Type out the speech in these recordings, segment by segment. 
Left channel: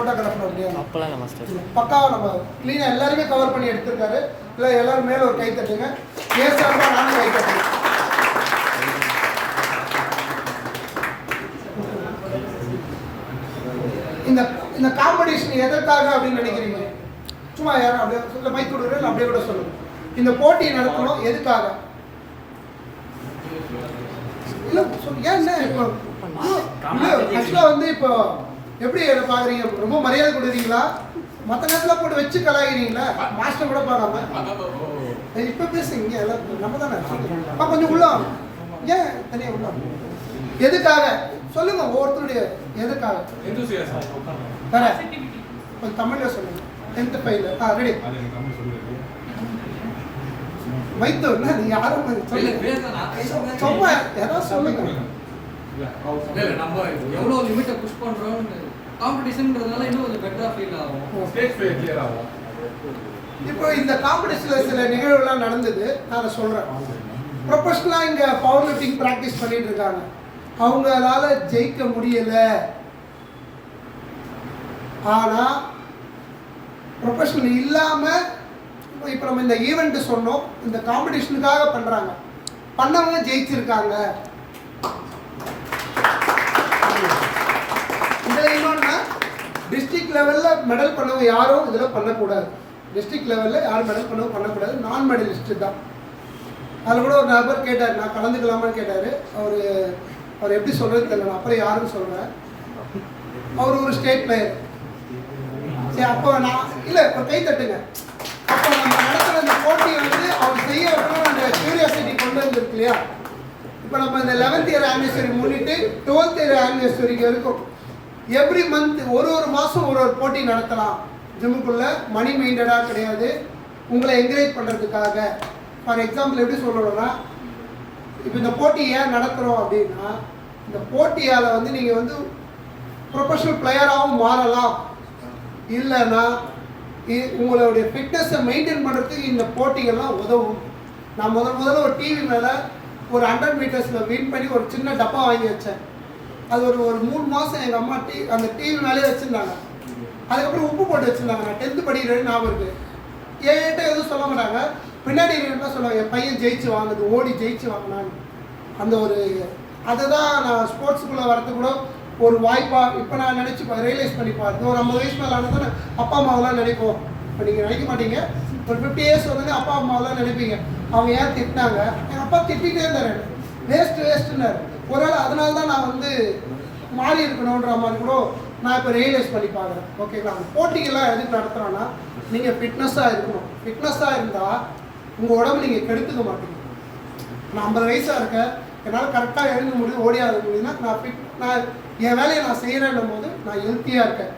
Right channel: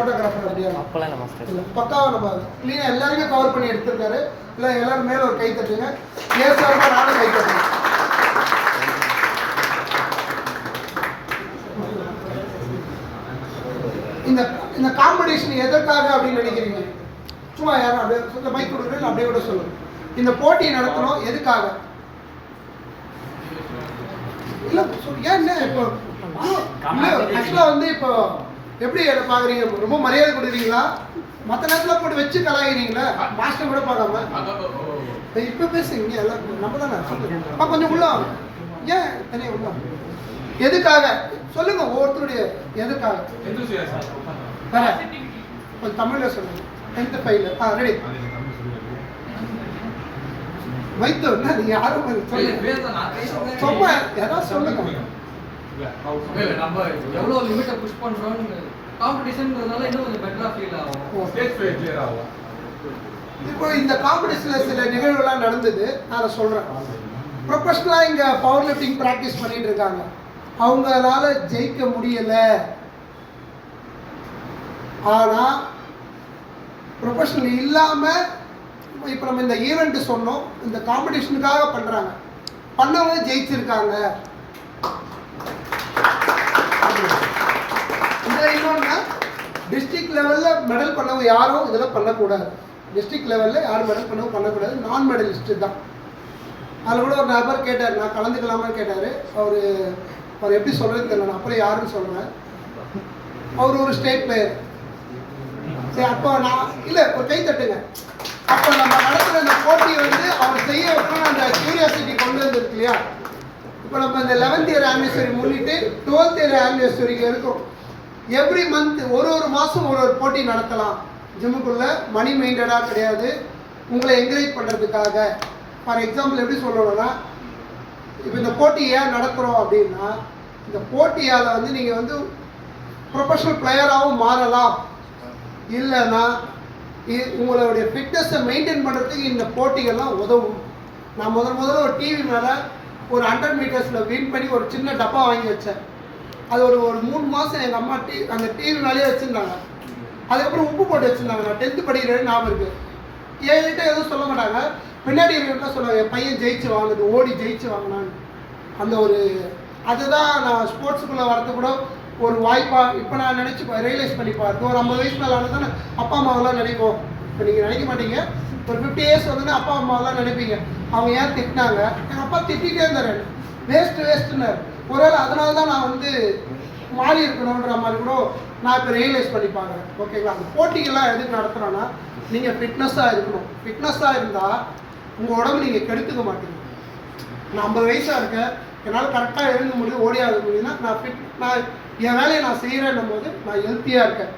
Photographer அப்படியே அப்போலாம் இல்லை மாஸ்டர். பக்காவாக நம்ம க்ளீனாக எல்லாருமே கவர் பண்ணி எடுத்திருக்காரு. இல்லை எல்லாரும் மேலே ஒரு கை தட்டுங்க. சார்பாக நானும் கை தட்டுங்க. இந்த இந்த காம்படிஷன் எதற்காக அப்படின்னு நினைக்கிறீங்க? சும்மா யாரும் அப்படியே சொல்ல மைக் கொடுக்குறேன் அப்படியே கூட சொல்லுங்க. இந்த போட்டி நடத்தணும் எதுக்காக? இல்லை ஏன் இப்போ ஆக்சுவலாக வந்து இப்போ எப்படி பார்க்குறீங்க? ரொம்ப மரியாதை கொடுக்குறீங்களா? மற்ற நேரத்தில் போட்டு வச்சு கலாகிறீங்களா? மாஸ்டர் கூட பார்க்காம இப்போ பேசுங்க. எல்லாம் நம்ம தானே கொஞ்சம் உள்ள ஏன் தனியாக உள்ள எதுக்காக சொல்லுங்க. ஒவ்வொருத்தருடைய எதுக்காக வேற கொஞ்சம் தமிழில் சொல்லுங்க. 10th ஃபைல் ரெடி வைத்து யாரும் சும்மா ஏதாவது சொல்லுங்க. நம்ம எவ்வளவு லிமிட்டை புஷ் பண்றோம்னு காம்படிஷன்றதுனால இன்னும் கொஞ்சம் பெட்டரா ஃபீல் ஆகும். ஸ்டேஜ் ஃபீல் கிளியர் ஆகும். இப்போ இந்த காம்படிஷன்ல சில நிகழ்வுலாம் நடந்தது. நான் சொல்றேன். ப்ரொஃபஷனலா இங்க பவர் லிஃப்டிங் பிராக்டிஸ் பண்ணிட்டு இருக்காங்க. அவங்களால ஜெயிக்க முடியல. ஆனா ப்ரொஃபஷனல் இல்லாம இப்போ நம்ம இந்த ஈவெண்ட் சொன்னோம், இந்த காம்படிஷனுக்காக பண்றாங்க. பண்ணவங்க ஜெயிச்சிருக்காங்க. இதில் இன்னொன்னா டிஸ்ட்ரிக்ட் லெவலில் மெடல் பண்ணவங்க யாரும் இதில் பண்ணக்கூடாது. டிஸ்ட்ரிக்ட் லெவலில் யாரும் மெடல் பண்ணக்கூடாது. நான் மெடலிஸ்ட்டு தான். அதில் கூட ஒரு நபர் கேட்டார், நான் கலந்துக்கலாமான்னு கேட்டார். அவர் எப்படி சொல்கிறது தெரியல. நான் அப்புறம் யாருன்னு சொல்கிறேன். அவர் ஒரு ஸ்டேட் பிளேயர். சரி, அப்போ நான் இல்லை ஒரு கை தட்டுங்க. அப்போ நம்ம நடத்துகிற இந்த போட்டி வந்து அவர் செய்ய வைக்கணும். அந்த கியூரியாசிட்டி கொண்டு வந்துருக்கு இல்லையா? இப்போ நம்ம இந்த 11th இயர் ஆனிவர்சரி முன்னிட்டு 12th இயர் ஆனிவர்சரிக்கு வரைக்கும் எவ்ரி மந்த் ஒரு மாதம் ஒரு போட்டி நடத்தலாம். ஜிம்முக்குள்ளே மணி மெயின்டடாக கிடையாது. உங்களை என்கரேஜ் பண்ணுறதுக்காக. ஃபார் எக்ஸாம்பிள் எப்படி சொல்லணும்னா, இப்போ இந்த போட்டி ஏன் நடத்துகிறோம் அப்படின்னா, இந்த போட்டியால் வந்து நீங்கள் வந்து ப்ரொஃபஷனல் பிளேயராகவும் மாறலாம். இல்லைன்னா உங்களுடைய ஃபிட்னஸை மெயின்டைன் பண்ணுறதுக்கு இந்த போட்டிகள்லாம் உதவும். நான் முதல்ல ஒரு டிவி மேலே ஒரு 100 மீட்டர்ஸில் வின் பண்ணி ஒரு சின்ன டப்பா வாங்கி வச்சேன். அது ஒரு 3 மாதம் எங்கள் அம்மா அந்த டிவி மேலேயே வச்சுருந்தாங்க. அதுக்கப்புறம் உப்பு போட்டு வச்சுருந்தாங்க. நான் 10th படிக்கிறேன்னு ஞாபகம் இருக்குது. என்கிட்ட எதுவும் சொல்ல மாட்டாங்க. பின்னாடி என்ன சொல்லுவாங்க, என் பையன் ஜெயிச்சு வாங்குது, ஓடி ஜெயிச்சு வாங்கினான்னு. அந்த ஒரு அதுதான் நான் ஸ்போர்ட்ஸுக்குள்ளே வரது கூட ஒரு வாய்ப்பாக இப்போ நான் நினச்சி ரியலைஸ் பண்ணி பாருங்க. ஒரு 50 வயசு மேலே ஆனால் தான் அப்பா அம்மாவெல்லாம் நினைப்போம். இப்போ நீங்கள் நினைக்க மாட்டீங்க. ஒரு 50 இயர்ஸ் வந்து அப்பா அம்மாவெல்லாம் நினைப்பீங்க. அவங்க ஏன் திட்டினாங்க? எங்கள் அப்பா திட்டிகிட்டே இருந்தார். வேஸ்ட்டுன்னாரு. ஒருவேளை அதனால தான் நான் வந்து மாறி இருக்கணுன்ற மாதிரி கூட நான் இப்போ ரியலைஸ் பண்ணி பார்க்குறேன். ஓகேங்களா? அந்த போட்டிகள்லாம் எதுக்கு நடத்துகிறோன்னா, நீங்கள் ஃபிட்னஸாக இருக்கணும். ஃபிட்னஸாக இருந்தால் உங்கள் உடம்பு நீங்கள் கெடுத்துக்க மாட்டீங்க. நான் 50 வயசாக இருக்கேன், என்னால் கரெக்டாக எழுத முடியும், ஓடியாக முடியும்னா நான் என் வேலையை நான் செய்கிறேன்னும் போது நான் ஹெல்த்தியாக இருக்கேன்.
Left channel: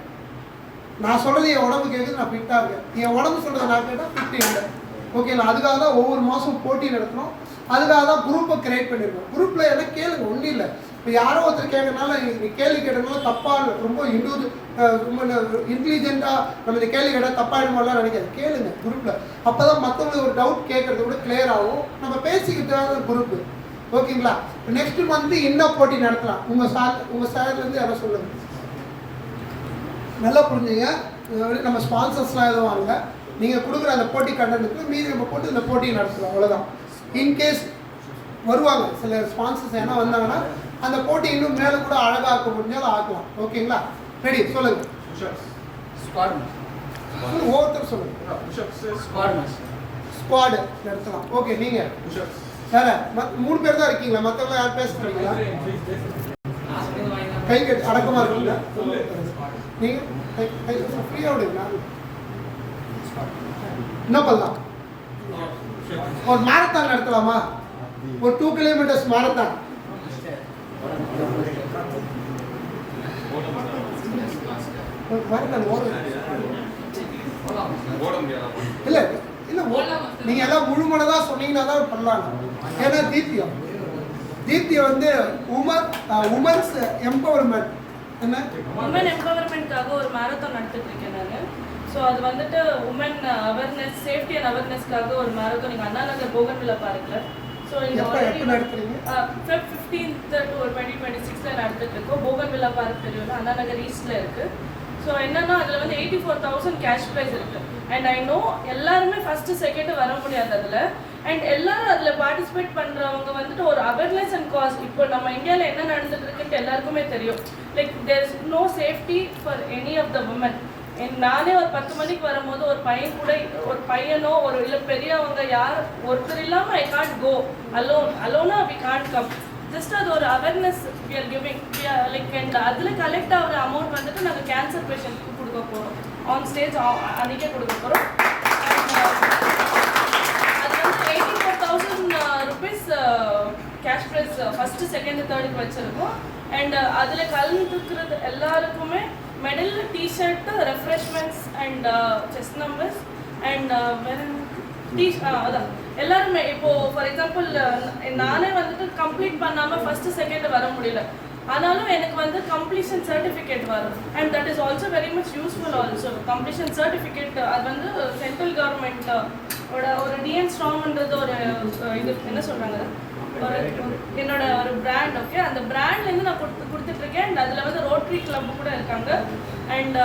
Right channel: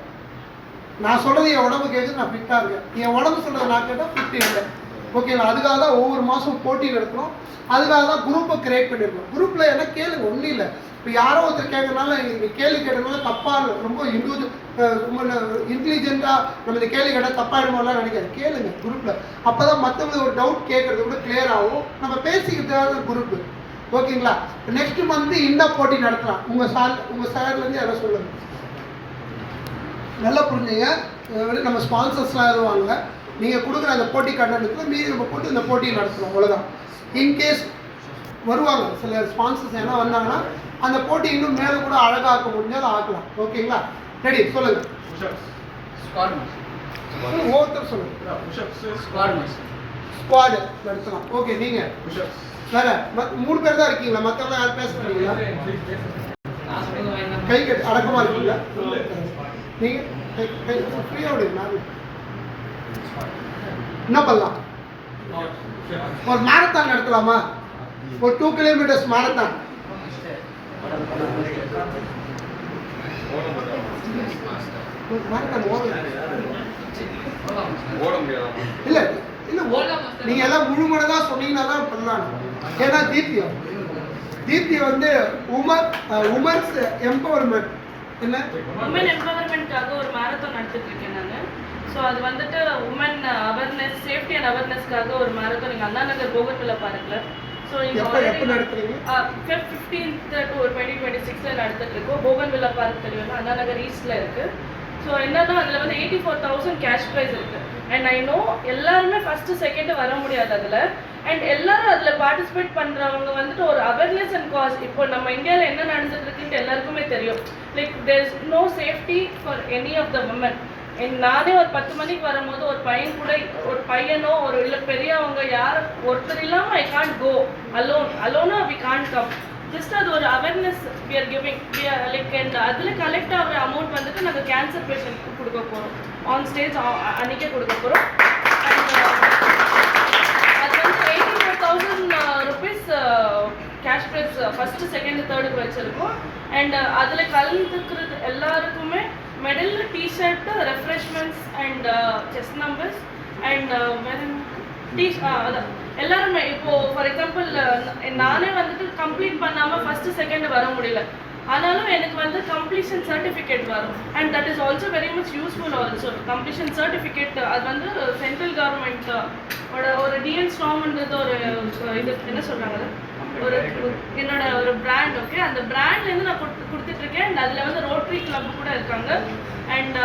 நான் சொல்கிறது என் உடம்பு கேட்குது, நான் ஃபிட்டாக இருக்கேன். என் உடம்பு சொல்கிறத நான் கேட்டால் ஃபிட் இல்லை. ஓகேங்களா? அதுக்காக தான் ஒவ்வொரு மாதம் போட்டி நடத்தணும். அதுக்காக தான் குரூப்பை கிரியேட் பண்ணியிருக்கோம். குரூப்பில் என்ன கேளுங்க, ஒன்றும் இல்லை. இப்போ யாரோ ஒருத்தர் கேட்கறதுனால கேள்வி கேட்டதுனால தப்பாக ரொம்ப ரொம்ப இன்டெலிஜென்ட்டாக நம்ம இந்த கேள்வி கேட்டால் தப்பாகிடுமாலாம் நினைக்காது. கேளுங்க குரூப்பில். அப்போ தான் மற்றவங்களுக்கு ஒரு டவுட் கேட்குறது கூட கிளியர் ஆகும். நம்ம பேசிக்கிட்டு குரூப்பு. ஓகேங்களா? நெக்ஸ்ட் மந்த் இன்னும் போட்டி நடத்தலாம். உங்கள் சார்லேருந்து யாரோ சொல்லுங்க. நல்லா புரிஞ்சுங்க. நம்ம ஸ்பான்சர்ஸ்லாம் எதுவும் வாங்கல. நீங்கள் கொடுக்குற அந்த போட்டி கண்டென்ட்டுக்கு மீதி நம்ம போட்டு இந்த போட்டியை நடத்தணும். அவ்வளோதான். இன்கேஸ் வருவாங்க சில ஸ்பான்சர்ஸ் என்ன வந்தாங்கன்னா அந்த போட்டி இன்னும் மேலே கூட அழகாக்க முடிஞ்சால் அதை ஆக்கலாம். ஓகேங்களா? ரெடி சொல்லுங்கள். ஒவ்வொருத்தர் சொல்லுங்கள். ஸ்குவாடு நடத்தலாம். ஓகே, நீங்கள் வேற 3 பேர் தான் இருக்கீங்களா? மற்றவங்க யார் பேச முடியுங்களா? கை கட்டு அடக்கமாக இருக்கீங்களா? நீங்கள் கை ஃப்ரீயாக விடுங்க. என்ன பண்ணலாம்? ஒரு மேரத்தான் நடத்தலாமா? ஒரு 2 கிலோமீட்டர்ஸ் மேரத்தான். இல்லை இல்லை, நீங்கள் எல்லாம் முழுமனதாக சொன்னீங்கன்னா தான் பண்ணலாம். ஏன்னா தீப்தியை வந்து உமன்ஸ் எம்பவர்மெண்ட் என்ன உமன் எம்பவர்மெண்ட்காக ஒரு மேரத்தான் நடத்திட்டு இருக்கேன் நான். ஸோ அது வந்துட்டு உமன் அவேர்னஸ், சேஃப்டி அண்ட் அவேர்னஸ்க்காக ஒரு மேரத்தான் நீங்கள் அண்ணா நகர் போகட்டில் பார்க்கல. ஸோ இங்கே எப்போ நடத்துறீங்க? 15th to 2026 நடத்திட்டு இருக்கோம். போகன்வில்லா பார்க் தெரியும்ல, அண்ணா நகர் ஈஸ்ட்ல இருக்கு. ஸோ என்னன்னா அதில் வந்து 84,000 கேஷ் ப்ரைஸ் இருக்குது. அண்ட் ஐ நோ எல்லாருமே ஃபஸ்ட்டு செகண்டு வர முடியாது அதில். அண்ட் எல்லாரும் அதில் பார்ட்டிசிபேட் பண்ணுறவங்க வந்துட்டு ஒரு அவேர்னஸ் அண்ட் காஸ். இப்போ நம்ம இந்தியாவில் என்ன நடந்துட்டு இருக்குன்ட்டு எல்லாருக்குமே தெரியும். Like there is no safety for any of the women. நானே ஒரு 10 மணிக்கு வரும்போது ஒரு பையன் கூட, ஒரு பையனோ ஒரு இல்லை பெரியவங்க யார் ஒருத்தர் இல்லாமல் ஐ கான்ட் கோ அலோனா வி கான்ட் கம். ஜஸ்ட் அது ஒரு awareness we are giving. Like and அதில் கலெக்ட் ஆகிற அமௌண்ட் வந்துட்டு நாங்கள் கேன்சர் பேஷண்ட்க்கு கொடுக்க போகிறோம். ஆன் ஸ்டேஜ் அன்றைக்கே கொடுக்க போகிறோம். அது வந்து 84,000 rupees cash prize first second தேர்டுக்கு வச்சுருக்கோம். அண்ட் அதில் கலந்துக்கிறது எல்லாருக்குமே medal, tshirt, refreshments and chess numbers and அதான் எல்லாருமே. இப்போது ஃபார் எக்ஸாம்பிள் நானே வந்துட்டு கம்ப்ளீட் பண்ணாமல் ஃபஸ்ட்டு செகண்ட் வர முடியல. ஆனாலும் எனக்கு வந்து கம்ப்ளீஷன் சர்டிஃபிகேட் வரும். And that is also very much useful also. Completion certificate அது வந்து சென்ட்ரல் கவர்மெண்ட்டோட ஒரு டிஎன் ஸ்ட்ராம்ன்றது ஒரு இது என்ன சொல்கிறாங்க, ஒரு என்னோட ஒரு பிராண்ட். ஓகே, அந்த பிராண்ட்லேருந்து நான் கொடுத்துட்ருக்கேன். அண்ட் அதில் வந்து ரோட்டரி கிளப் கூட இருக்காங்க. அண்ட்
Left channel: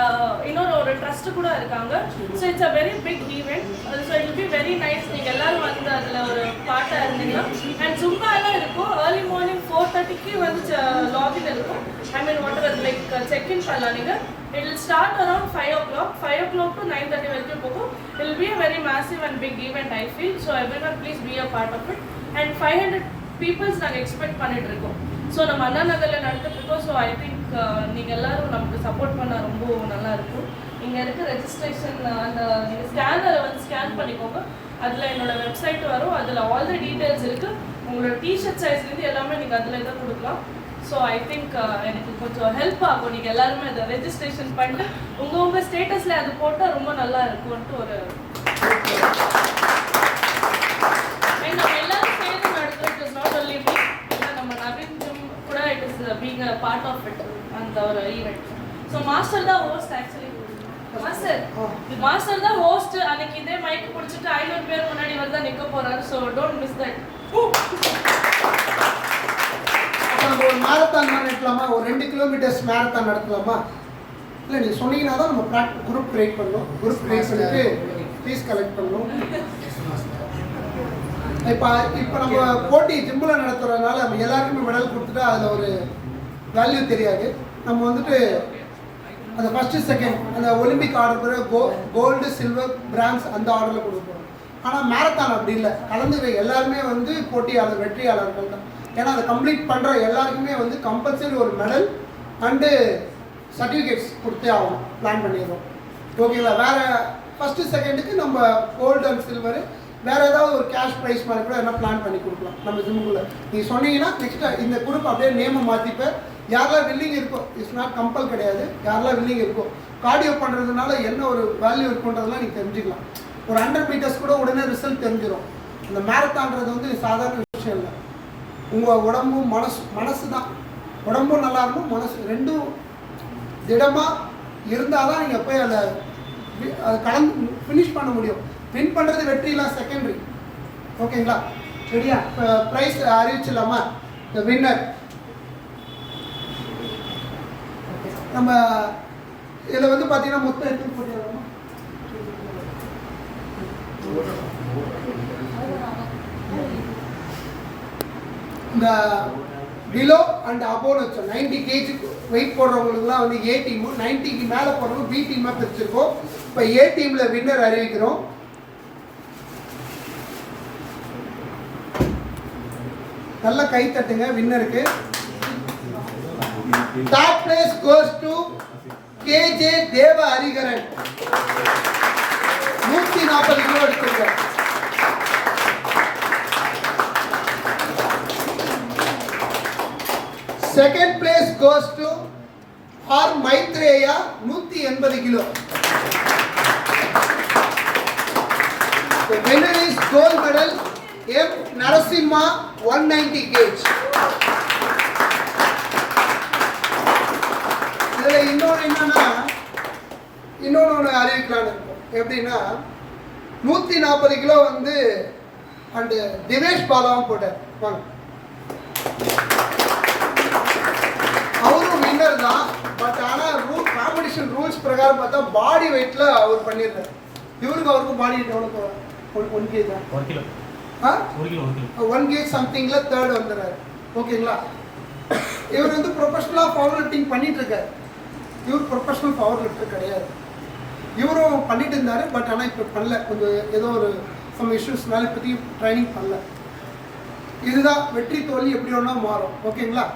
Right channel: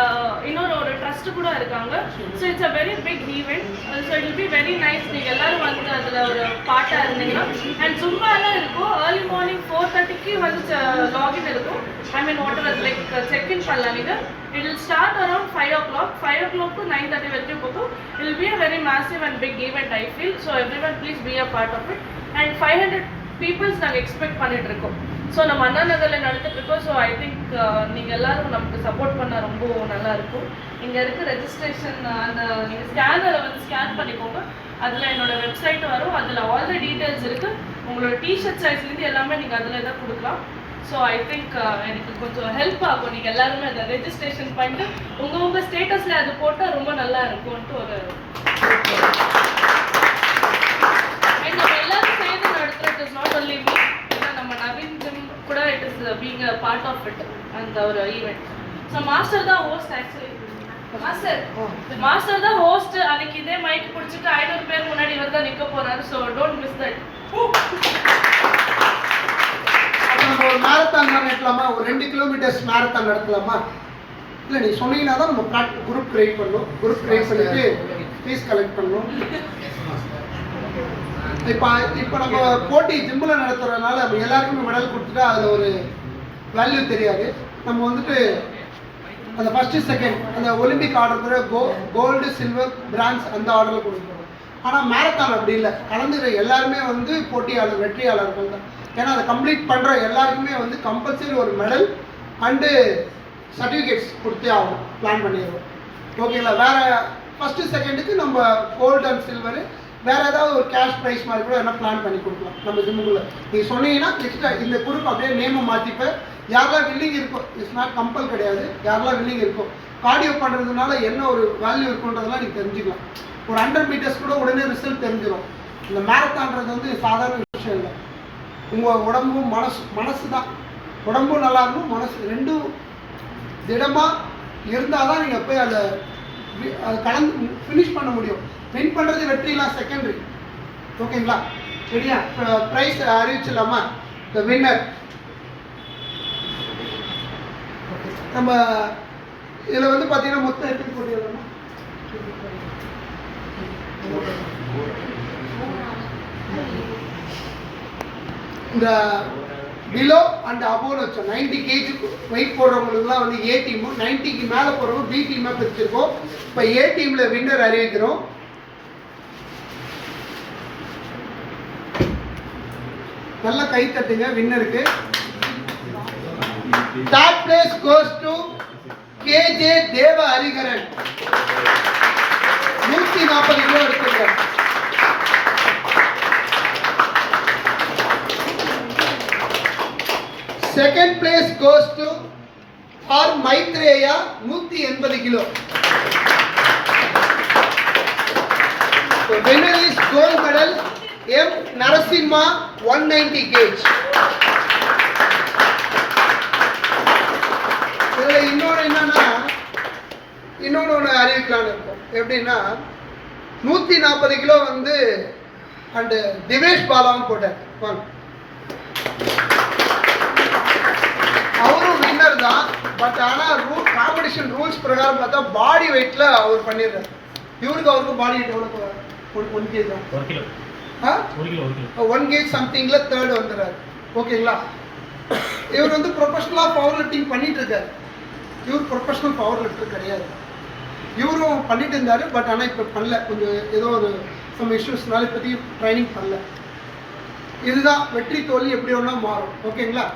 இன்னொரு ஒரு ட்ரஸ்ட்டு கூட இருக்காங்க. So it's a very big event. So it will be very nice. நீங்கள் எல்லோரும் வந்து அதில் ஒரு பார்ட்டாக இருந்தீங்கன்னா. அண்ட் ஜும்பா எல்லாம் இருக்கும். ஏர்லி மார்னிங் 4:30க்கு வந்து லாகின் இருக்கும். I mean whatever like check in பண்ணலாம் நீங்கள். It will start around 5 o'clock. 5 o'clock to 9:30 வரைக்கும் போகும். It will be a very massive and big event I feel. So everyone please be a part of it. And 500 peoples நாங்கள் expect பண்ணிட்டு இருக்கோம். So நம்ம அண்ணா நகரில் நடந்துட்டு இருக்கோம். ஸோ ஐ திங்க் நீங்கள் எல்லாரும் நமக்கு சப்போர்ட் பண்ணால் ரொம்ப நல்லா இருக்கும். இங்கே இருக்க ரெஜிஸ்ட்ரேஷன் அந்த நீங்கள் ஸ்கேனரை வந்து ஸ்கேன் பண்ணிக்கோங்க. அதில் என்னோட வெப்சைட் வரும். அதில் ஆல் த டீட்டெயில்ஸ் இருக்குது. உங்களோட டிஷர்ட் சைஸ்லேருந்து எல்லாமே நீங்கள் அதில் தான் கொடுக்கலாம். ஸோ ஐ திங்க் எனக்கு கொஞ்சம் ஹெல்ப் ஆகும். நீங்கள் எல்லாருமே அதை ரெஜிஸ்ட்ரேஷன் பண்ணிட்டு உங்கள் ஸ்டேட்டஸில் அது போட்டால் ரொம்ப நல்லா இருக்கும்ன்ட்டு ஒரு நம்ம எல்லாரும் சேர்ந்து நடத்துறது. இஸ் நாட் ஒன்லி மீ, நம்ம நவீன் ஜிம் கூட it is being a part of it அந்த ஒரு ஈவெண்ட். ஸோ மாஸ்டர் தான் ஹோஸ்ட். ஆக்சுவலி மாஸ்டர் தான் ஹோஸ்ட். அன்னைக்கு இதே மைக் பிடிச்சிட்டு 500 பேர் முன்னாடி வந்து நிற்க போறாரு. So don't miss that. நம்ம ஒரு மேரத்தான் நடத்தலாமா, ஒரு 2 கிலோமீட்டர்ஸ் மேரத்தான் நடத்தலாமா? இல்லை நீ சொன்னீங்கன்னா தான் நம்ம குரூப் கிரியேட் பண்ணணும். குரூப் கிரியேட் பண்ணிட்டு ஃபீஸ் கலெக்ட் பண்ணணும். இப்போ நம்ம போட்டி ஜிம்மில் நடத்துறதுனால நம்ம எல்லாருக்குமே மெடல் கொடுத்துட்டா அதில் ஒரு வேல்யூ தெரியாது. நம்ம வந்துட்டு அந்த ஃபஸ்ட்டு செகண்ட் அந்த olympic order gold, silver, bronze அந்த ஆர்டரில் கொடுக்குறோம். ஆனால் மேரத்தான் அப்படி இல்லை. கலந்துக்கிற எல்லாருமே வந்து போட்டியாளர், வெற்றியாளர்கள் தான். ஏன்னா அதை கம்ப்ளீட் பண்ணுற எல்லாருக்குமே வந்து கம்பல்சரி ஒரு மெடல் அண்டு சர்டிஃபிகேட்ஸ் கொடுத்தே ஆகணும். பிளான் பண்ணிடுவோம். ஓகேங்களா? வேறு ஃபஸ்ட்டு செகண்டுக்கு நம்ம கோல்டு அண்ட் சில்வரு வேறு ஏதாவது ஒரு கேஷ் ப்ரைஸ் மாதிரி கூட என்ன பிளான் பண்ணி கொடுக்கலாம் நம்ம ஜிம்முக்குள்ளே. நீங்கள் சொன்னீங்கன்னா நெக்ஸ்ட்டு இந்த குரூப் அப்படியே நேமை மாற்றிப்பேன். யாரெல்லாம் வில்லிங் இருக்கோ, இட்ஸ் நாட் கம்பல் கிடையாது. யாரெல்லாம் வில்லிங் இருக்கோ கார்டியோ பண்ணுறதுனால என்ன ஒரு வேல்யூ இருக்குன்றதெல்லாம் நீங்கள் தெரிஞ்சுக்கலாம். ஒரு 100 மீட்டர்ஸ் கூட உடனே ரிசல்ட் தெரிஞ்சிடும். இந்த மேரத்தான்றது வந்து சாதாரண விஷயம் இல்லை. உங்கள் உடம்பும் மனசு தான். உடம்பும் நல்லா இருக்கும், மனசு ரெண்டும் திடமாக இருந்தால் தான் நீங்கள் போய் அதை கடந்து ஃபினிஷ் பண்ண முடியும். வின் பண்ணுறது வெற்றிலாம் செகண்டரி. ஓகேங்களா? சரியா? ப்ரைஸ் அறிவிச்சிடலாமா? த வின்னர் நம்ம இதில் வந்து பார்த்தீங்கன்னா மொத்தம் எத்தனை போட்டிடலாமா? இந்த பிலோ அண்ட் அபோன்னு வச்சோம். 90 kg வெயிட் போடுறவங்களுக்குலாம் வந்து ஏ டீமும், 90க்கு மேலே போடுறவங்க பி டீமாக பிரிச்சிருக்கோம். இப்போ ஏ டீமில் வின்னர் அறிவிக்கிறோம். நல்ல கை தட்டுங்க வின்னருக்கு. Third place goes to KJ Deva Hariharan. 140 kilo எடுத்துருக்காரு. Second place goes to R. Maitreya, 180 kilo. The winner is gold medal M. Narasimha, 190 kg. இதில் இன்னொன்று அறிவிக்கலான்னு இருக்கும். எப்படின்னா 140 கிலோ வந்து அண்டு திவேஷ் பாலாவும் போட்டார். வாங்க, அவரும் வின்னர் மெடல் தான். பட் ஆனால் காம்படிஷன் ரூல்ஸ் பிரகாரம் பார்த்தா பாடி வெயிட்டில் அவர் பண்ணிடுறாரு. அவருக்கும் பாடி வெயிட் எவ்வளோ 1 kg தான். 1 கிலோ. ஆ 1 கிலோ 1 kg சம்திங்கில் தேர்ட் வந்துடுறாரு. ஓகேங்களா? இவர் வந்து ப்ரொஃபஷனலாக பவர் லிஃப்டிங் பண்ணிட்டு இருக்காரு. இவர் ப்ரொஃபஷனல் பவர் லிஃப்டர் கிடையாது. இவரும் பண்ணிட்டு இருந்தாரு. பட் ஆனால் இப்போ பண்ணல, கொஞ்சம் ஏதோ ஒரு சம் இஷ்யூஸ்னால இப்போதைக்கு ட்ரைனிங் பண்ணல. இதுதான் வெற்றி தோல்வி எப்படி ஒன்றா மாறும். ஓகேங்களா?